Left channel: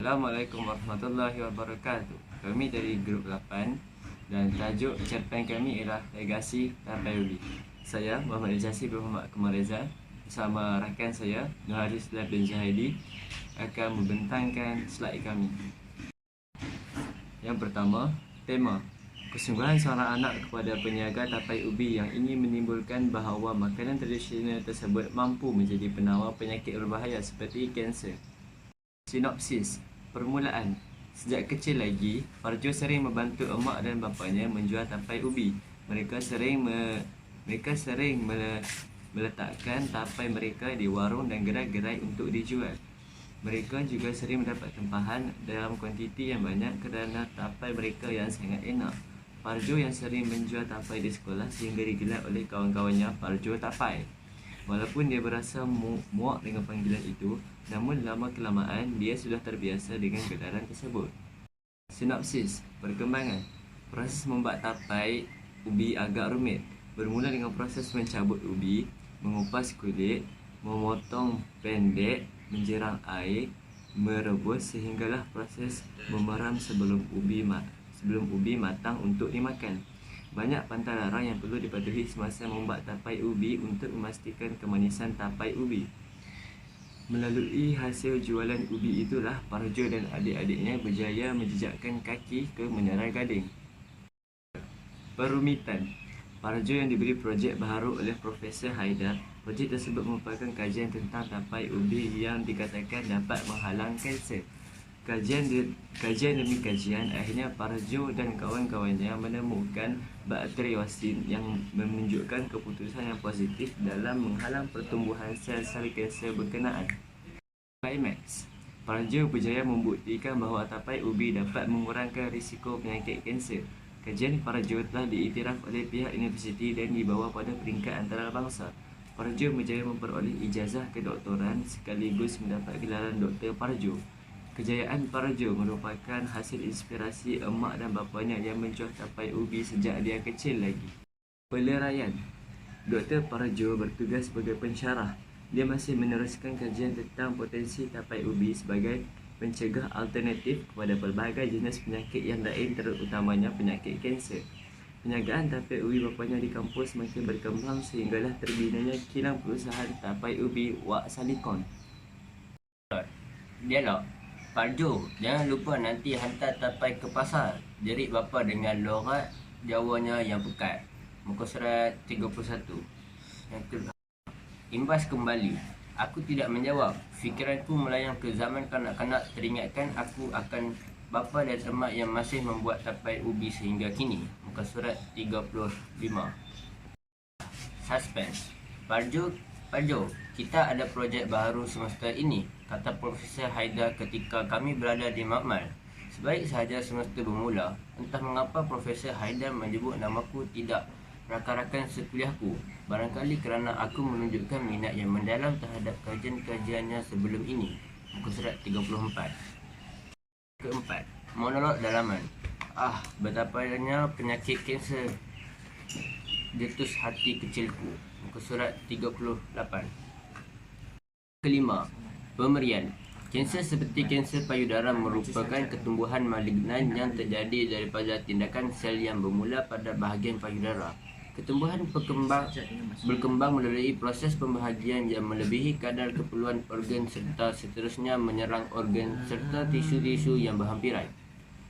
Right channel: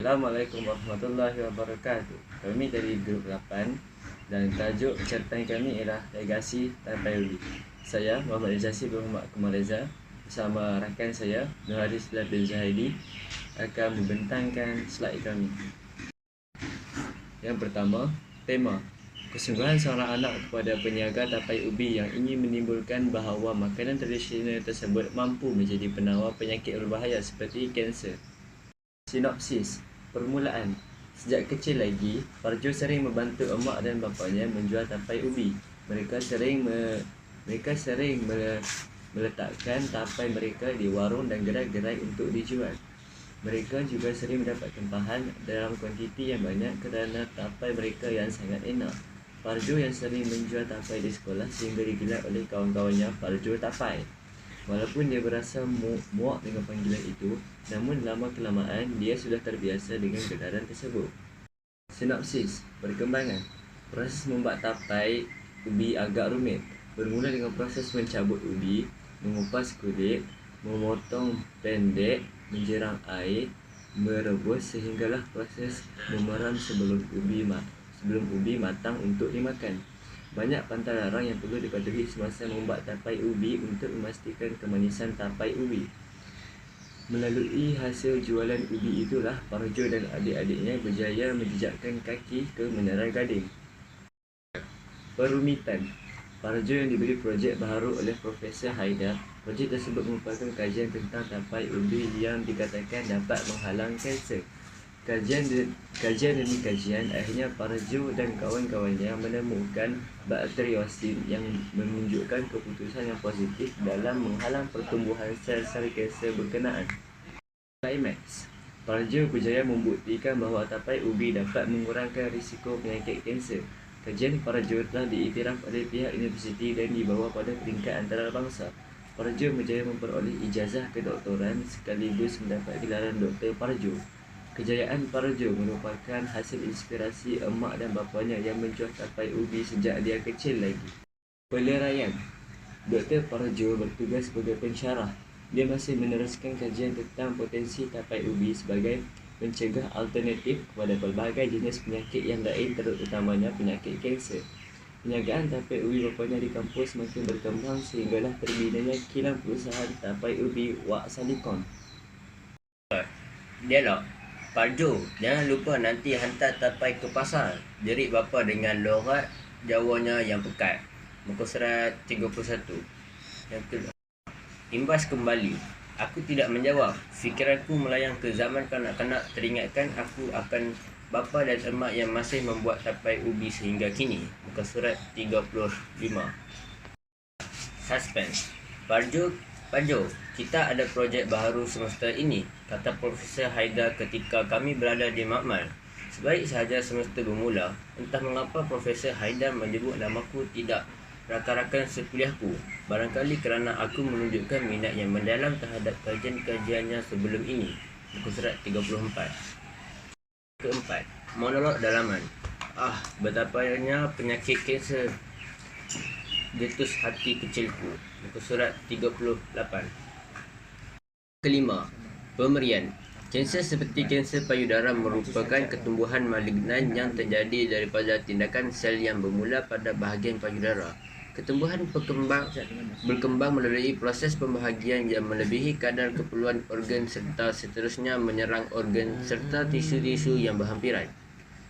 Assalamualaikum warahmatullahi wabarakatuh. Kami dari grup 8 dan tajuk cerpen kami ialah Legasi Tapai Ubi. Saya Muhammad Ijasi bin Muhammad Kumar Reza bersama rakan saya Nur Haris bin Zahidi akan membentangkan slide kami. Yang pertama, tema kesungguhan seorang anak kepada peniaga tapai ubi yang ingin menimbulkan bahawa makanan tradisional tersebut mampu menjadi penawar penyakit berbahaya seperti kanser. Sinopsis. Permulaan. Sejak kecil lagi, Parjo sering membantu emak dan bapanya menjual tapai ubi. Mereka sering meletakkan tapai mereka di warung dan gerai-gerai untuk dijual. Mereka juga sering mendapat tempahan dalam kuantiti yang banyak kerana tapai mereka yang sangat enak. Parjo yang sering menjual tapai di sekolah sehingga digelar oleh kawan-kawannya Parjo Tapai. Walaupun dia berasa muak dengan panggilan itu, namun lama-kelamaan dia sudah terbiasa dengan gelaran tersebut. Sinopsis. Perkembangan. Proses membuat tapai ubi agak rumit. Bermula dengan proses mencabut ubi, mengupas kulit, memotong pendek, menjerang air, merebus sehinggalah proses memeram sebelum ubi matang untuk dimakan. Banyak pantang larang yang perlu dipatuhi semasa membuat tapai ubi untuk memastikan kemanisan tapai ubi. Melalui hasil jualan ubi itulah Parjo dan adik-adiknya berjaya menjejakkan kaki ke Menara Gading. Perumitan. Parjo yang diberi projek baharu oleh Profesor Haidar. Projek tersebut merupakan kajian tentang tapai ubi yang dikatakan dapat menghalang kanser. Kajian demi kajian, akhirnya Parjo dan kawan-kawannya menemukan bakteriosin yang menunjukkan keputusan yang positif dalam menghalang pertumbuhan sel-sel kanser berkenaan. Climax. Parjo berjaya membuktikan bahawa tapai ubi dapat mengurangkan risiko penyakit kanser. Kajian Parjo telah diiktiraf oleh pihak universiti dan dibawa pada peringkat antarabangsa. Parjo berjaya memperoleh ijazah kedoktoran sekaligus mendapat gelaran Doktor Parjo. Kejayaan Parjo merupakan hasil inspirasi emak dan bapanya yang menjual tapai ubi sejak dia kecil lagi. Peleraian. Dr. Parjo bertugas sebagai pensyarah. Dia masih meneruskan kajian tentang potensi tapai ubi sebagai mencegah alternatif kepada pelbagai jenis penyakit yang lain, terutamanya penyakit kanser. Perniagaan tapai ubi bapanya di kampus makin berkembang sehinggalah terbinanya kilang perusahaan tapai ubi Wak Salikon. Dialog. Parjo, jangan lupa nanti hantar tapai ke pasar. Jerit bapa dengan logat Jawanya yang pekat. Muka surat 31. Yang kedua. Imbas kembali. Aku tidak menjawab. Fikiranku melayang ke zaman kanak-kanak, teringatkan aku akan bapa dan emak yang masih membuat tapai ubi sehingga kini. Muka surat 35. Suspense. Parjo, kita ada projek baharu semester ini, kata Profesor Haidar ketika kami berada di makmal. Sebaik sahaja semester bermula, entah mengapa Profesor Haidar menyebut namaku tidak rakan-rakan sekuliahku. Barangkali kerana aku menunjukkan minat yang mendalam terhadap kajian-kajiannya sebelum ini. Muka surat 34. Keempat, monolog dalaman. Betapanya penyakit kanser getus hati kecilku. Muka surat 38. Kelima, pemberian. Kanser seperti kanser payudara merupakan ketumbuhan malignan yang terjadi daripada tindakan sel yang bermula pada bahagian payudara. Ketumbuhan berkembang melalui proses pembahagian yang melebihi kadar keperluan organ serta seterusnya menyerang organ serta tisu-tisu yang berhampiran.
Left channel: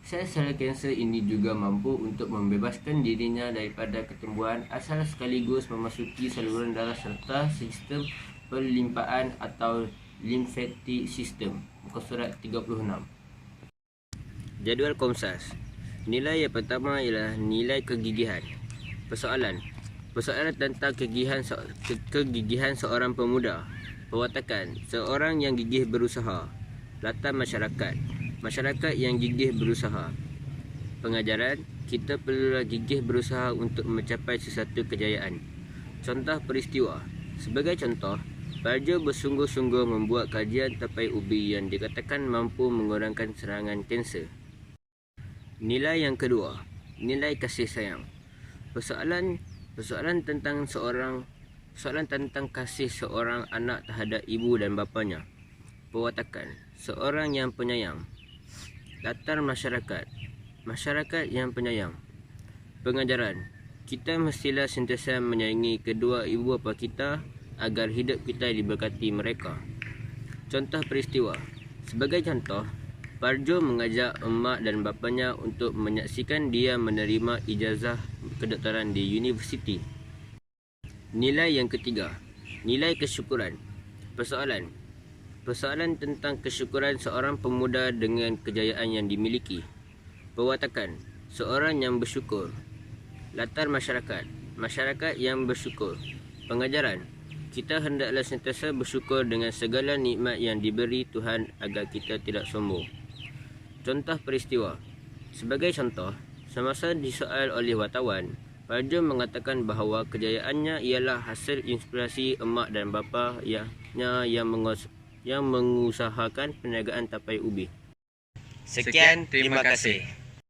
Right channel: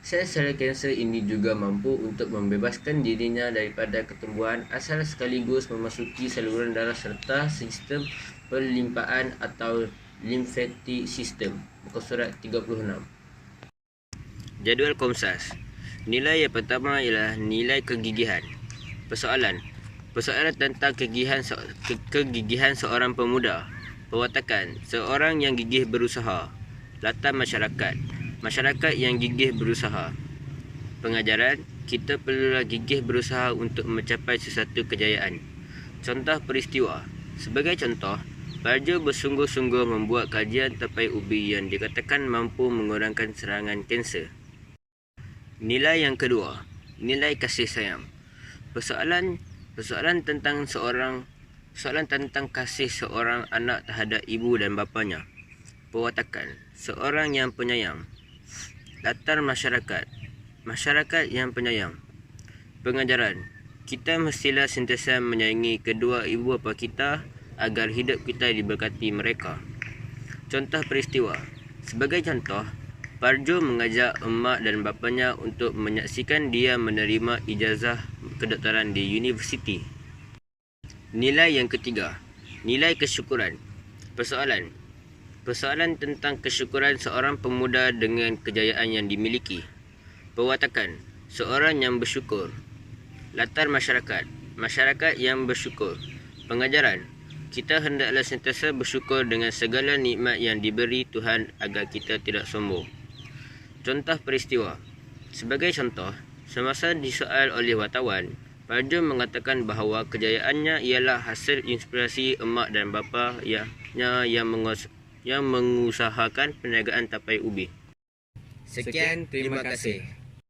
Sel-sel kanser ini juga mampu untuk membebaskan dirinya daripada ketumbuhan asal sekaligus memasuki saluran darah serta sistem perlimpaan atau lymphatic system. Muka surat 36. Jadual Komsas. Nilai yang pertama ialah nilai kegigihan. Persoalan tentang kegigihan seorang pemuda. Perwatakan, seorang yang gigih berusaha. Latar masyarakat yang gigih berusaha. Pengajaran, kita perlulah gigih berusaha untuk mencapai sesuatu kejayaan. Contoh peristiwa. Sebagai contoh, Parjo bersungguh-sungguh membuat kajian tapai ubi yang dikatakan mampu mengurangkan serangan kanser. Nilai yang kedua, nilai kasih sayang. Persoalan tentang kasih seorang anak terhadap ibu dan bapanya. Perwatakan, seorang yang penyayang. Latar masyarakat. Masyarakat yang penyayang. Pengajaran. Kita mestilah sentiasa menyayangi kedua ibu bapa kita agar hidup kita diberkati mereka. Contoh peristiwa. Sebagai contoh, Parjo mengajak emak dan bapanya untuk menyaksikan dia menerima ijazah kedoktoran di universiti. Nilai yang ketiga, nilai kesyukuran. Persoalan tentang kesyukuran seorang pemuda dengan kejayaan yang dimiliki. Perwatakan, seorang yang bersyukur. Latar masyarakat, masyarakat yang bersyukur. Pengajaran, kita hendaklah sentiasa bersyukur dengan segala nikmat yang diberi Tuhan agar kita tidak sombong. Contoh peristiwa. Sebagai contoh, semasa disoal oleh wartawan, Parjo mengatakan bahawa kejayaannya ialah hasil inspirasi emak dan bapa yang mengusahakan perniagaan tapai ubi. Sekian, terima kasih.